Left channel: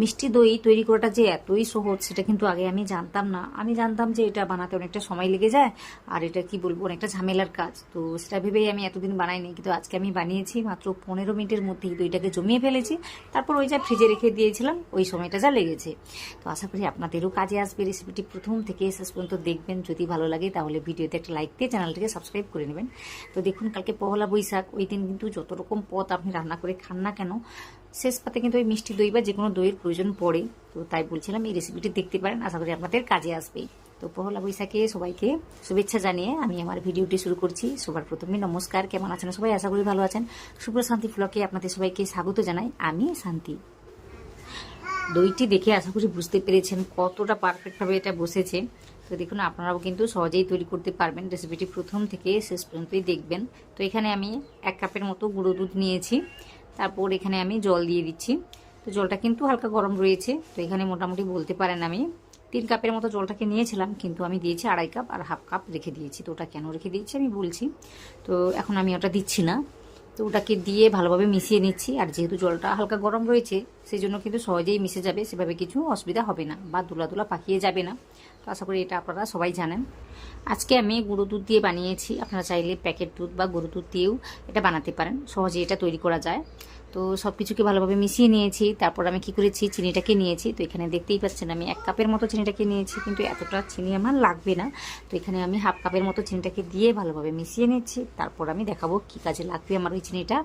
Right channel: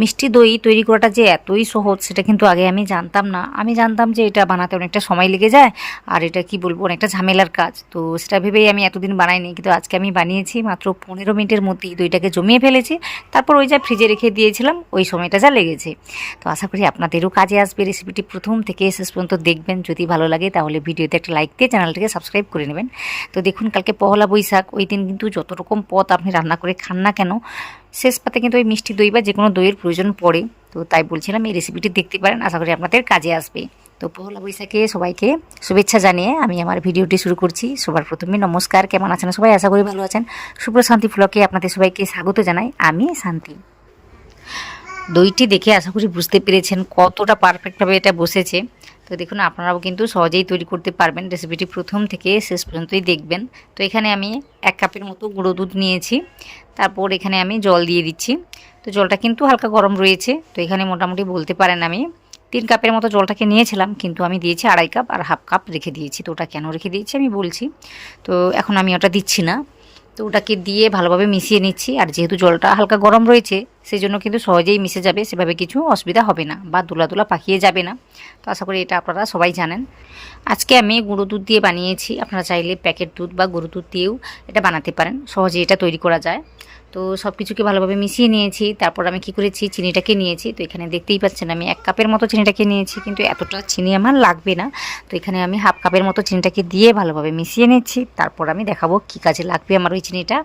মিষ্টি দই তৈরি করাটা যে এতই সহজ সেটা কিন্তু আগে আমি জানতাম না। আমি জানতাম যে এটা বানাতে অনেকটা সময় লেগে যায় আর এটা কি বলবো অনেকটা ঝামেলার কাজ। তো সেটা ভেবেই আমি এতদিন বানাইনি, কিন্তু আজকে আমি বানিয়েছি মাত্র 15 মিনিটের মধ্যেই দইটাকে জমিয়ে ফেলেছি। তারপর ওই যা ফ্রিজে রেখে দিয়েছিলাম ওই সময়টা যা লেগেছে। তো আশা করি আপনাদেরও কাজে আসবে। রেসিপিটি প্রথম থেকে শেষ পর্যন্ত দেখবেন। যদি ভালো লাগে তাহলে ভিডিওতে একটা লাইক দিয়ে চ্যানেলটিকে সাবস্ক্রাইব করে নেবেন। তো দেখুন, কালকে পহেলা বৈশাখ, ওই দিন কিন্তু যত রকম পদ আপনি রান্না করে খান না কেন, শেষ পাতে কিন্তু ওই মিষ্টি দই বা যে কোনো দইয়ের প্রয়োজন পড়ে। তো তাই বলছিলাম এই রেসিপিটি দেখতে পারেন, আশা করি আপনাদের কাজে আসবে। তো পহেলা বৈশাখে সবাইকে শুভেচ্ছা জানিয়ে আমি আমার ভিডিওটি শুরু করছি। সবার প্রথমে নমস্কার, কেমন আছেন সবাই? আশা করি ভালো আছেন। শান্তি ব্লগে আপনাদের সবাইকে স্বাগত জানাই, আমি শান্তি। দইটি দেখে আশা করি বুঝতে পেরেছেন কতটা পারফেক্টভাবে এটা বসেছে। তো দেখুন, আপনারাও কিন্তু সহজেই তৈরি করতে পারবেন। রেসিপিটি প্রথম থেকে শেষ পর্যন্তই দেখবেন। তো এখানে আমি 1 কাপের মতো গুঁড়ো দুধ নিয়েছি। তারপর এখানে আমি জল দিয়ে দিচ্ছি। তো জলটা কিন্তু হালকা গরম রয়েছে। তো এখানে মোটামুটি বলতে পারেন আমি 3 কাপের মতো জলটাকে নিয়েছিলাম, কিন্তু আমি দিয়েছি 2.5 কাপ আর হাফ কাপ রেখে দিয়েছি। তো ওটা কেন রেখে দিয়েছি আমি বলছি। তো এখন আমি ওটা দিচ্ছি না। তো ওটাকে দিয়ে ভালোভাবে মিশিয়ে নিচ্ছি। আর যেহেতু জলটা হালকা গরম রয়েছে সেই জন্য কিন্তু সহজেই মিশে যাবে, সেভাবে কিছু অসুবিধা হবে না বা দোলা দোলা পাকিয়ে যাবে না। তো আশা করি এটা আপনারা সবাই জানেন। আজকে আমি গুঁড়ো দুধ দিয়ে বানিয়েছি। আপনারা চাইলে প্যাকেট দুধ বা গরুর দুধ দিয়েও এটা বানাতে পারেন, সহজেই এটা তৈরি করা যায়। তো সব কিছুকে ভালোভাবে মিশিয়ে নিয়েছি। তারপর আমি কি করেছি, চিনিটাকে নিয়েছি। তো এখানে দেখতেই পাচ্ছেন আমি 1 কাপের মতো চিনিটাকে নিয়েছি, কিন্তু এতটা চিনি আমার লাগবে না। তো এখানে আমি হাফ কাপের মতো চিনিটাকে দিয়ে ভালোভাবে মিশিয়ে নিচ্ছি। তারপর আমি দেখাবো কি কাজে লাগবে আমার ওই চিনিটা।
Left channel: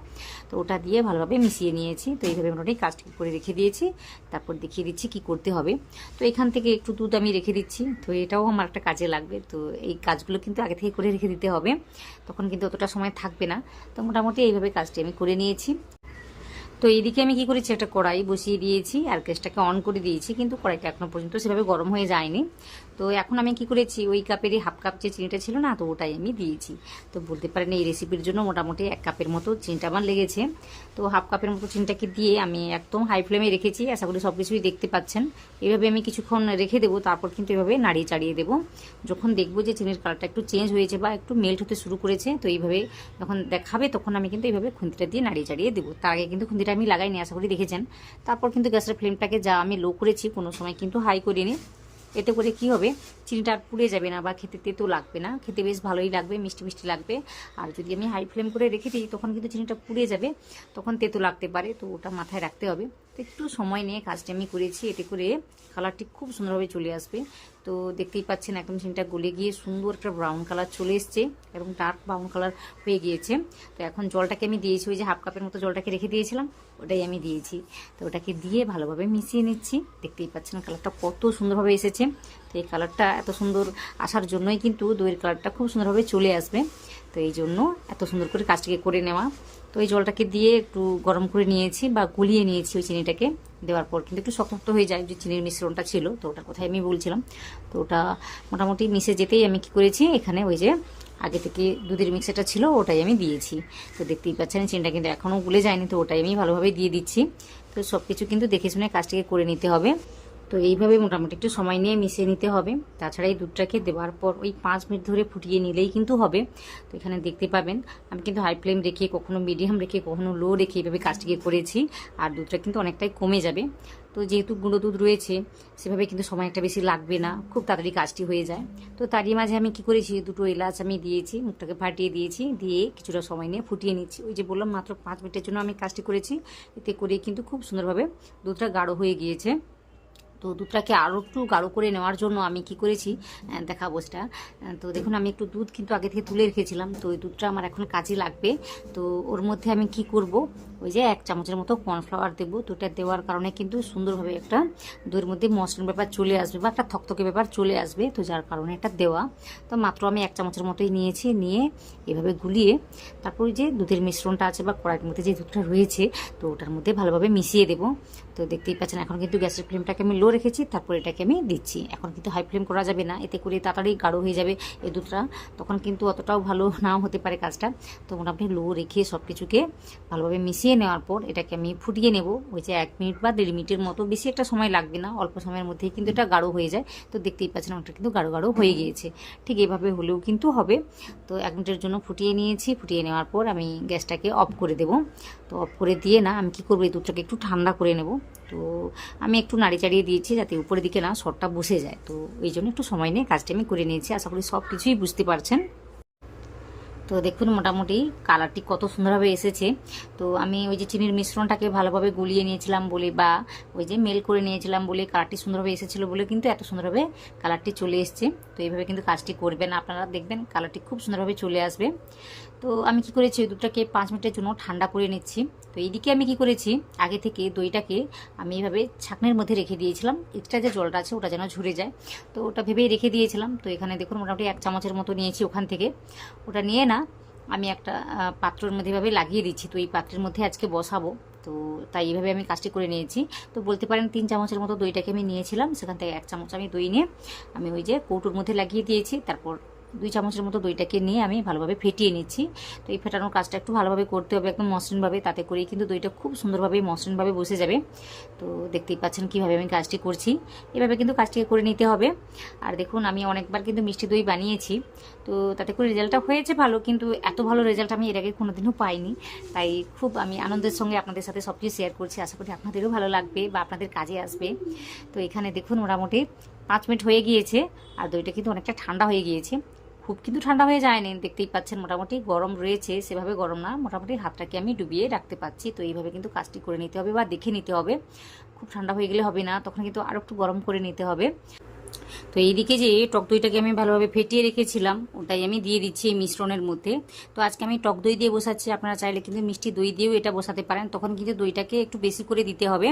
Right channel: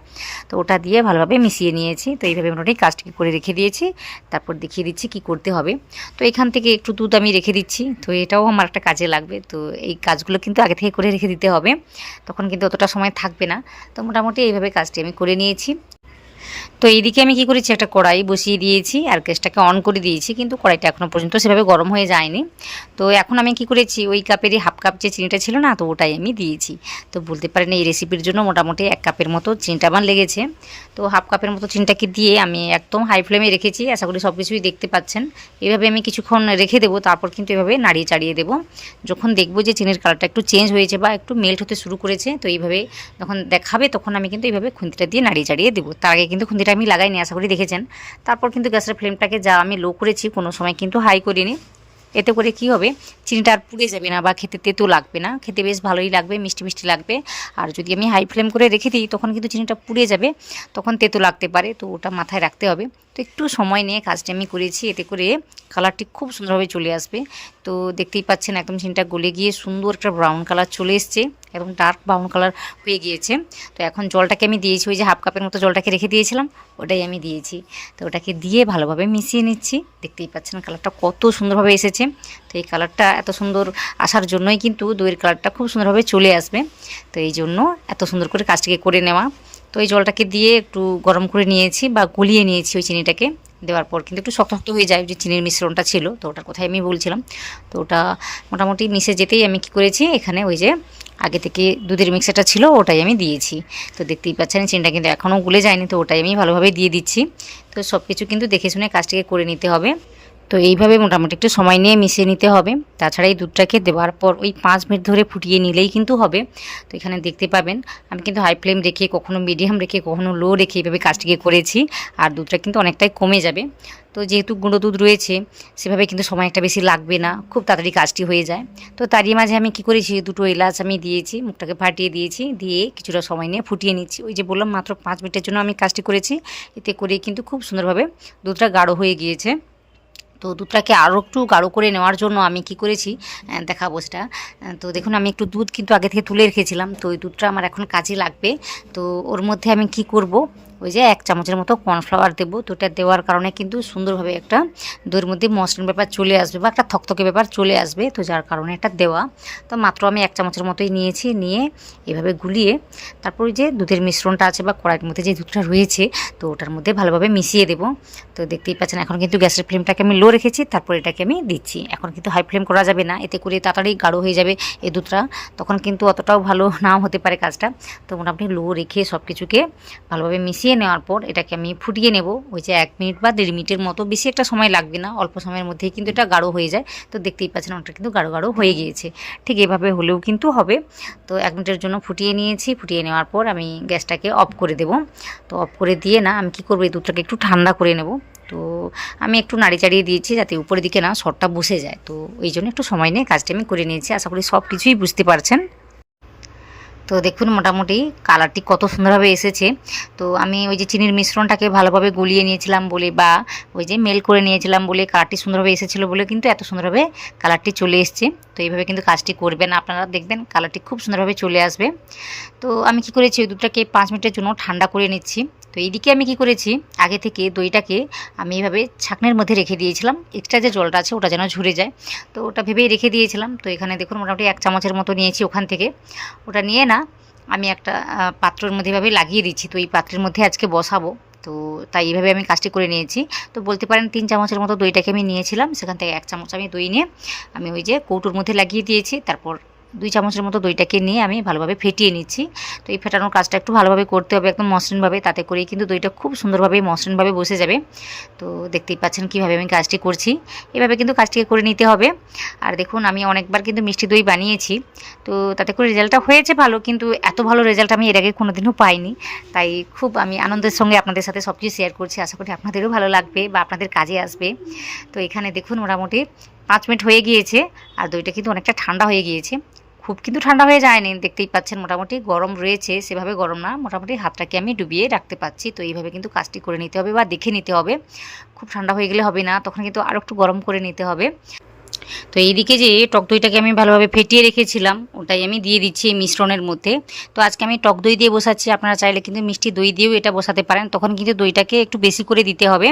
তো ওটা দিয়ে ভালোভাবে মিশিয়ে নিয়েছি। তো এইভাবে মোটামুটি কাজটাকে করে রেখে দিয়েছি। তারপর দেখিয়ে দিচ্ছি কি করতে হবে। তো এখান থেকে একটু দুধ আমি রেখে দিচ্ছি। তো এটাও আমার একটা কাজে লাগবে। তো এই কাজগুলো কিন্তু আগে থেকে করে রেখে দিতে হবে, তখন কিন্তু অতটা সময় থাকবে না। তো মোটামুটি এইভাবে কাজটি আমি করে নিয়েছি। তো এইদিকে আমি কি করেছি, একটা কড়াই বসিয়ে দিয়েছি আর গ্যাসটাকে অন করে দিয়েছি, কিন্তু কড়াইটা এখনও পর্যন্ত সেভাবে গরম হয়ে যায়নি। তো এখন আমি কি করেছি, ওই কাপেরই হাফ কাপ যে চিনিটা ছিল না, তো ওটাই আমি দিয়েছি। তো বলতে পারেন এই রেসিপির জন্য মোটামুটি 1 কাপের মতো চিনিটা আমার লেগেছে। তো হাফ কাপের মতো চিনিটাকে দিয়ে আমি একদম হাই ফ্লেমে রেখেছি। আশা করি সব কিছুই দেখতে পাচ্ছেন। এভাবে আমি কিছুক্ষণ রেখে দেবো, তারপর কিন্তু এভাবে নাড়িয়ে চাড়িয়ে দেবো। যখন দেখবো যে চিনির কালারটা একটু চেঞ্জ হয়েছে বা একটু মেল্ট হতে শুরু করেছে, তো এইভাবে যখন দেখাবে তখন আমি কিন্তু এইভাবে খুন্তিটা দিয়ে নাড়িয়ে চাড়িয়ে দেবো। তার আগে কিন্তু খুন্তিটা আমি লাগাইনি, আশা করি দেখেছেন। তারপর কিন্তু গ্যাসের ফ্লেমটাকে যা আমি লো করেছি, কোনো সময় কিন্তু হাই করিনি। এতে করে কি হবে, চিনিটা আর পুড়ে যাবে না বা খেতে তেতো লাগবে না, খেতে বেশ ভালোই লাগবে, মিষ্টি মিষ্টি লাগবে। আর যদি আমি হাই ফ্লেম করে রেখে দিই তখন কিন্তু চিনিটা পুড়ে যাবে, তখন তেতো লাগতে পারে। তো ওটা মাথায় রাখতে হবে। তো একটু সময় নিয়ে কাজটা আমি করেছি, এতে করে কালারটি খুব সুন্দরভাবে চলে আসবে। তো দেখতেই পাচ্ছেন একদম চিনিটা গলে গিয়ে সুন্দর একটা ব্রাউন কালার চলে এসছে এবং ডার্ক ব্রাউন কালার হয়ে গিয়েছে। তো এখন জলটাকে আমি দিয়েছি, ওই যে হাফ কাপের মতো জলটাকে রেখে দিয়েছিলাম ওটাই আমি দিয়েছি। তো ওটাকে দিয়ে ভালোভাবে মিশিয়ে নিচ্ছি। দেখতেই পাচ্ছেন কালারটা কত সুন্দরভাবে এসেছে। তো এই কালারটা এত সুন্দর আসার জন্যই কিন্তু দইয়ের কালারটা খুব সুন্দরভাবে চলে আসবে। তো এই জন্য এত সুন্দর করে কাজটাকে করে নেওয়া। তো এই জলটাকে দিয়ে একটু গরম করে নিয়েছি বা গলিয়ে নিয়েছি। ওই চিনিটাকে দেওয়ার পর কিন্তু একটু শক্ত শক্ত হয়ে যায়, যে চিনির মিশ্রণটা ছিল, তো ওটার কথাই আমি বলছিলাম। তো ওটা মোটামুটি মিশে যেতেই আমি কি করেছি, এখানে ওই যে আগে থেকে দুধের মিক্সারটা ছিল ওটাই আমি দিয়েছি। তো দেখতেই পাচ্ছেন চিনিটা কিন্তু এখনও গুলে যায়নি, তো ওটাই আমি ভালোভাবে দিয়ে দিচ্ছি। তো সব কিছু কিন্তু দেখে শুনে কাজটাকে করে নিতে হবে। তো এইভাবে মোটামুটি একটু সময় নিয়ে মিশিয়ে নিতে হবে। তাছাড়া এই দুধটাকে দেওয়ার পর ওই 5 মিনিট ধরে ফুটিয়ে নিলেই কিন্তু হবে। তো এখানে দেখতে পাবেন আমি কিন্তু হাই ফ্লেম রেখে, কখনো মিডিয়াম রেখে, কখনো লো রেখে এইভাবে কাজটিকে করেছি। আর দুধটা কিন্তু অনেকটাই কমে যাবে। তো যেহেতু গুঁড়ো দুধ রয়েছে সেভাবে কিন্তু সময় একটা বেশি লাগবে না, খুব তাড়াতাড়ি কাজটি হয়ে যায়। তো তারই মাঝে আমি কি করেছি, 2টো এলাচ আমি দিয়েছি, মুখটাকে ফাটিয়ে দিয়েছি, দিয়ে কিছুটা সময় নিয়ে ফুটিয়ে নিচ্ছি। ওই যে বললাম মাত্র 5 মিনিটের জন্য আমি কাজটি করেছি। এতে করে কিন্তু খুব সুন্দরভাবে দুধটা গাঢ় হয়ে গিয়েছে। তো দুধটাকে আরও একটু গাঢ় করে নেওয়ার জন্য আমি কি করেছি দেখাবো সেটা। তো দেখুন আমি একটু দুধ কিন্তু আগে থেকে তুলে রেখেছিলাম, তো ওই দুধটা আমার এখন কাজে লাগবে। তো ওর মধ্যে আমি কি করব, ওই যে 1 চামচের মতো কর্নফ্লাওয়ার দেবো। তো এটা দেওয়ার কারণে কিন্তু সুন্দরভাবে একটা দইয়ের মধ্যে মসৃণ ব্যাপার চলে আসবে বা একটা থকথকে ব্যাপার চলে আসবে। তো যার কারণে এটা দেওয়া। তো মাত্র আমি 1 চামচের মতোই নিয়েছি, নিয়ে এভাবে গুলিয়ে তারপর ওই যে দুধের মিশ্রণটা আছে বা কড়াইয়ের মধ্যে যে দুধটা রয়েছে, তো ওটার মধ্যে ভালোভাবে মিশিয়ে দেবো। তো দেখতেই পাচ্ছেন এখন কিন্তু গ্যাসের ফ্লেমটাকে আমি লো রেখেছি, তারপর এটাকে আমি দিচ্ছি। এখন কিন্তু হাই ফ্লেম করা যাবে না, এতে করে তাড়াতাড়ি গাঢ় হয়ে যাবে এই দুধটা, তখন কিন্তু অতটাও ভালো নাও হতে পারে কাজটা। তো মোটামুটি লো রেখে সব কিছুকে ভালোভাবে মিশিয়ে মিশিয়ে নেওয়ার পর এটাকে আমি ফুটিয়ে নেব। ওই যে 1 মিনিট বা 1.5 মিনিটের মতো, বেশি একটা সময় লাগবে না, অল্প সময়ের মধ্যেই কিন্তু এটা গাঢ় হয়ে যায়। তো দেখতেই পাচ্ছেন ওটা কিন্তু গাঢ় গাঢ় হয়ে গিয়েছে। ঠিক এভাবে হলেও কিন্তু হবে। তো 1 মিনিটের জন্য ফুটিয়ে নিয়েছি। ফুটিয়ে নেওয়ার পর আমি গ্যাসটাকে অফ করে দেব। তো অফ করে দিয়ে না আমি কী করবো, এই দুধটাকে একটু ঠান্ডা করে নেব। তো আমি একটু নাড়ি চাড়িয়ে দিয়েছি যাতে উপরের দিকে না সরটা বসে যায়। তো এই জন্য একটু সময় নিয়ে কাজটা আমি করে নিয়েছি। আশা করি সব কিছুই বুঝতে পারছেন। তো দেখুন মোটামুটি কালারটি কত সুন্দরভাবে এসেছে। তো আমি ওই যে চিনির মিশ্রণটাকে ভালোভাবে গুলিয়ে নিয়েছিলাম বলে, বা ওই যে মেল করে নিয়েছিলাম বলে কালারটি সুন্দরভাবে এসেছিলো বলে কিন্তু এত সুন্দরভাবে কালারটি চলে এসছে। তো এইভাবে কিন্তু কাজটি করবেন আপনারা, দেখবেন কালারটি খুব সুন্দরভাবে চলে আসবে। তো আমি কি করেছি, ওই দুধটাকে 5 মিনিটের জন্য ঠান্ডা করে নিচ্ছি। তো এইদিকে আমি কি করেছি, আগে থেকে দইটাকে আমি এইভাবে ছাঁকনির মধ্যে রেখে দিয়েছিলাম, এক্সট্রা যে জলটা আছে ওটা যেন ঝরে যায়। তো ওটা ভেবেই রেখে দিয়েছিলাম। তো এখানে দেখুন মোটামুটি 1 চামচের মতো নিয়েছি ওখান থেকে। ওটা নিয়ে না আমি একটা পাত্রের মধ্যে এভাবে লাগিয়ে দিচ্ছি। তো এই পাত্রের মধ্যে আজকে বসাবো। তো তাই এইভাবে আমি কাজটি করে নিয়েছি। তো বলতে পারেন 3 চামচের মতো দইটাকে আমি নিয়েছিলাম, সেখান থেকে 1 চামচ আমি দই নিয়ে আমি ওই যে কৌটোর মধ্যে লাগিয়ে দিয়েছি। তারপর 2 চামচের মতো দইটাকে নিয়ে আমি ভালোভাবে ফেটিয়ে নিচ্ছি। তো এই ফেটানোর কাজটা একটু ভালোভাবে করতে হবে, একদম মসৃণভাবে, তাতে করেই কিন্তু দইটা খুব সুন্দরভাবে মসৃণভাবে বসে যাবে। তো দেখতেই পাচ্ছেন কীভাবে আমি কাজটি করছি। এভাবে কিন্তু কাজটিকে করে নিতে হবে। আর দেখুন আমি অনেকবার কিন্তু মিষ্টি দই বানিয়েছি, তো তাতে করে রেজাল্টটা হয়েছে ভালো, কিন্তু এত ভালো রেজাল্ট আমি এর আগে কোনোদিনও পাইনি। তাই খুব আমি আনন্দের সঙ্গে আপনাদের সাথে সব কিছু শেয়ার করছি। আশা করি আপনাদেরও ভালো লাগবে বা আপনাদের কাজে আসবে। তো এখানে দেখুন মোটামুটি 5 মিনিট হয়ে গিয়েছে, আর দইটা কিন্তু অনেকটা ঠান্ডা হয়ে গিয়েছে। খুব কিন্তু ঠান্ডা হয়ে যায়নি, দেখতেই পাচ্ছেন মোটামুটি গরম রয়েছে, সেভাবে গরম না, মোটামুটি হাতটাকে আমি ডুবিয়ে রাখতে পারছি। তো এইভাবে কিন্তু কাজটি করে নিতে হবে বা দেখে নিতে হবে। খুব ঠান্ডা হয়ে গেলে হবে না, তখন কিন্তু আরও একটু গরম করে নিতে হবে। তো এইদিকে যে টক দইটাকে আমি ভালোভাবে ফেটিয়ে রেখেছিলাম ওটাই আমি দিয়ে দিচ্ছি এই মিশ্রণের মধ্যে। তো আজকে আমি টক দই দিয়ে বসাচ্ছি, আপনারা চাইলে কিন্তু মিষ্টি দই দিয়েও এটা বসাতে পারেন। তখন কিন্তু দইটাকে একটু বেশি করে দিতে হবে,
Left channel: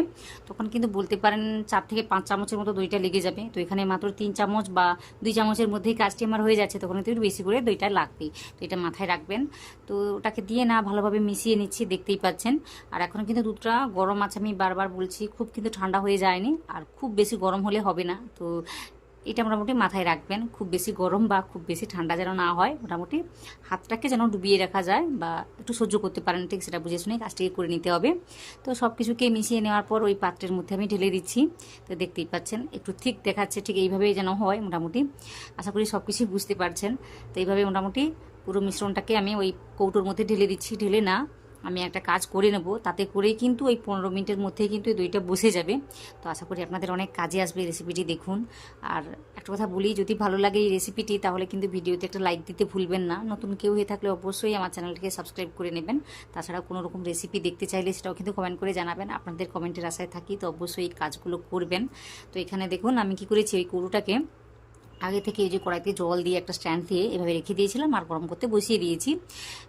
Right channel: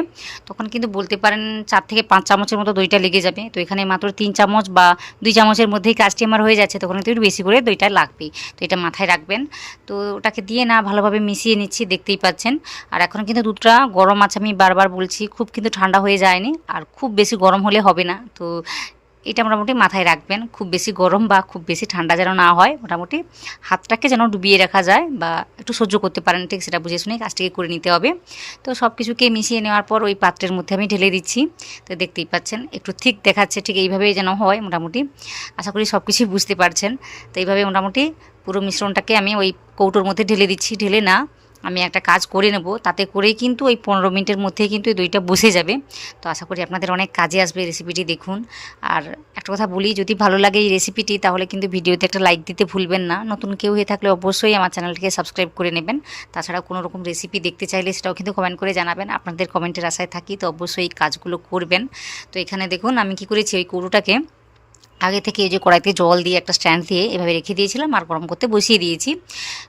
তখন কিন্তু বলতে পারেন 4 থেকে 5 চামচের মতো দইটা লেগে যাবে। তো এখানে মাত্র 3 চামচ বা 2 চামচের মধ্যেই কাজটি আমার হয়ে যাচ্ছে, তখন কিন্তু একটু বেশি করে দইটা লাগবে। তো এটা মাথায় রাখবেন। তো ওটাকে দিয়ে না ভালোভাবে মিশিয়ে নিচ্ছি, দেখতেই পাচ্ছেন। আর এখন কিন্তু দুধটা গরম আছে, আমি বারবার বলছি, খুব কিন্তু ঠান্ডা হয়ে যায়নি, আর খুব বেশি গরম হলে হবে না। তো এটা মোটামুটি মাথায় রাখবেন, খুব বেশি গরম বা খুব বেশি ঠান্ডা যেন না হয়, মোটামুটি হাতটাকে যেন ডুবিয়ে রাখা যায় বা একটু সহ্য করতে পারেন, ঠিক সেটা বুঝে শুনে কাজটিকে করে নিতে হবে। তো সব কিছুকে মিশিয়ে নেওয়ার পর ওই পাত্রের মধ্যে আমি ঢেলে দিচ্ছি। তো দেখতেই পাচ্ছেন একটু ঠিক দেখাচ্ছে, ঠিক এইভাবেই যেন হয় মোটামুটি। আশা করি সব কিছুই বুঝতে পারছেন। তো এইভাবে মোটামুটি পুরো মিশ্রণটাকে আমি ওই কৌটোর মধ্যে ঢেলে দিচ্ছি। ঢেলে না আমি একটা কাজ করে নেব, তাতে করেই কিন্তু ওই 15 মিনিটের মধ্যেই কিন্তু এই দইটা বসে যাবে। তো আশা করি আপনাদের অনেক কাজে আসবে রেসিপিটি, দেখুন। আর একটা কথা বলি, যদি ভালো লাগে এই রেসিপিটি তাহলে কিন্তু ভিডিওতে একটা লাইক দিতে ভুলবেন না। নতুন কেউ হয়ে থাকলে অবশ্যই আমার চ্যানেলটিকে সাবস্ক্রাইব করে নেবেন। তাছাড়া কোনো রকম রেসিপি দেখতে চাইলে সেটাও কিন্তু কমেন্ট করে জানাবেন। আপনাদের কমেন্টের আশায় থাকি, তো অবশ্যই এই কাজগুলো করবেন। তো এখানে দেখুন আমি কি করেছি, ওই কৌটোটাকে আগে থেকে এই যে কড়াইতে জল দিয়ে একটা স্ট্যান্ড দিয়ে এভাবে রেখে দিয়েছিলাম আর গরম করতে বসিয়ে দিয়েছি।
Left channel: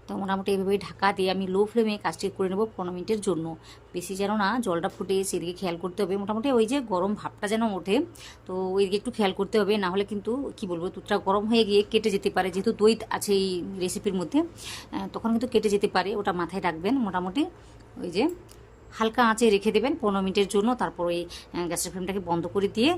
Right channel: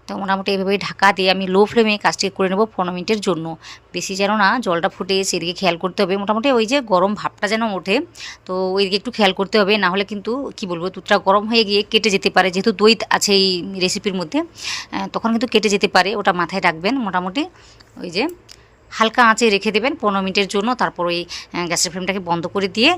তো মোটামুটি এভাবে ঢাকা দিয়ে আমি লো ফ্লেমে কাজটি করে নেব 15 মিনিটের জন্য। বেশি যেন না জলটা ফুটে সেদিকে খেয়াল করতে হবে, মোটামুটি ওই যে গরম ভাবটা যেন ওঠে, তো ওইদিকে একটু খেয়াল করতে হবে। না হলে কিন্তু কি বলবো, দুধটা গরম হয়ে গিয়ে কেটে যেতে পারে, যেহেতু দই আছে এই রেসিপির মধ্যে, তখন কিন্তু কেটে যেতে পারে, ওটা মাথায় রাখবেন। মোটামুটি ওই যে হালকা আঁচে রেখে দেবেন 15 মিনিটের জন্য। তারপর ওই গ্যাসের ফ্লেমটাকে বন্ধ করে দিয়ে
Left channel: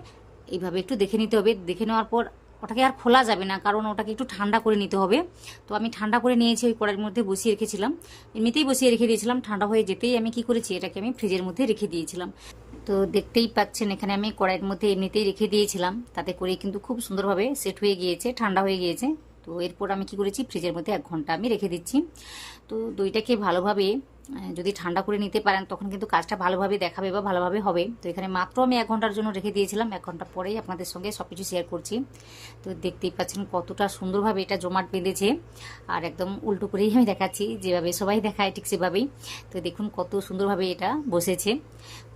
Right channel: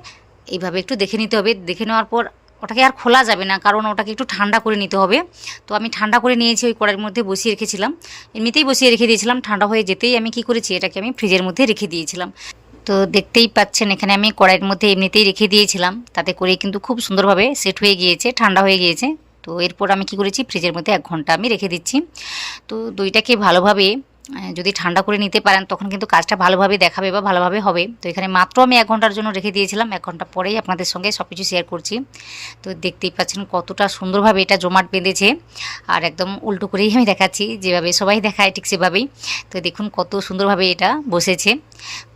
এইভাবে একটু দেখে নিতে হবে। দেখে নেওয়ার পর ওটাকে আর খোলা যাবে না, কারণ ওটাকে একটু ঠান্ডা করে নিতে হবে। তো আমি ঠান্ডা করে নিয়েছি, ওই কড়াইয়ের মধ্যে বসিয়ে রেখেছিলাম, এমনিতেই বসিয়ে রেখে দিয়েছিলাম। ঠান্ডা হয়ে যেতেই আমি কি করেছি, এটাকে আমি ফ্রিজের মধ্যে রেখে দিয়েছিলাম। তো দেখতেই পাচ্ছেন এখানে আমি কড়াইয়ের মধ্যে এমনিতেই রেখে দিয়েছিলাম, তাতে করে কিন্তু খুব সুন্দরভাবে সেট হয়ে গিয়েছে, ঠান্ডা হয়ে গিয়েছে। তো এরপর আমি কি করেছি, ফ্রিজের মধ্যে 1 ঘন্টা আমি রেখে দিচ্ছি। তো দইটাকে ভালোভাবে যদি ঠান্ডা করে নিতে পারেন তখন কিন্তু কাজটা ভালোভাবে দেখাবে বা ভালোভাবে হবে। তো এখানে মাত্র আমি 1 ঘন্টার জন্য রেখে দিয়েছিলাম, 1 ঘন্টা পরেই আপনাদের সঙ্গে সব কিছু শেয়ার করছি। তো দেখতেই পাচ্ছেন কতটা সুন্দরভাবে এটা জমাট বেঁধেছে, আর একদম উল্টো করেই আমি দেখাচ্ছি, যেভাবে সবাই দেখায় ঠিক সেভাবেই। তো দেখুন কত সুন্দরভাবে এটা বসেছে,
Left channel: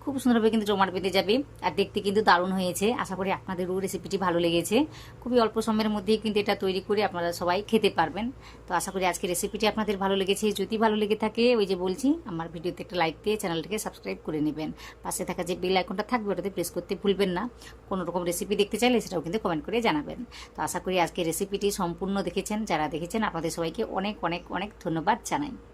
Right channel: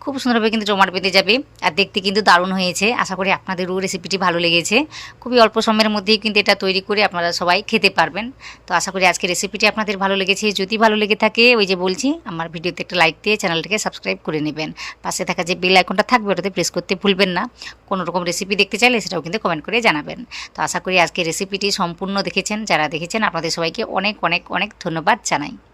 খুব সুন্দরভাবে কিন্তু জমাট বেঁধে যাবে, আর দেখতে কিন্তু দারুণ হয়েছে। আশা করি আপনাদেরও রেসিপিটি ভালো লেগেছে। খুবই অল্প সময়ের মধ্যেই কিন্তু এটা তৈরি করে আপনারা সবাই খেতে পারবেন। তো আশা করি আজকের রেসিপিটি আপনাদের ভালো লেগেছে। যদি ভালো লেগে থাকে, ওই যে বলছি, আমার ভিডিওতে একটা লাইক দিয়ে চ্যানেলটাকে সাবস্ক্রাইব করে নেবেন। পাশে থাকা যে বেল আইকনটা থাকবে ওটাতে প্রেস করতে ভুলবেন না। কোনো রকম রেসিপি দেখতে চাইলে সেটাও কিন্তু কমেন্ট করে জানাবেন। তো আশা করি আজকের রেসিপিটি সম্পূর্ণ দেখেছেন, যারা দেখেছেন আপনাদের সবাইকে অনেক অনেক অনেক ধন্যবাদ জানাই।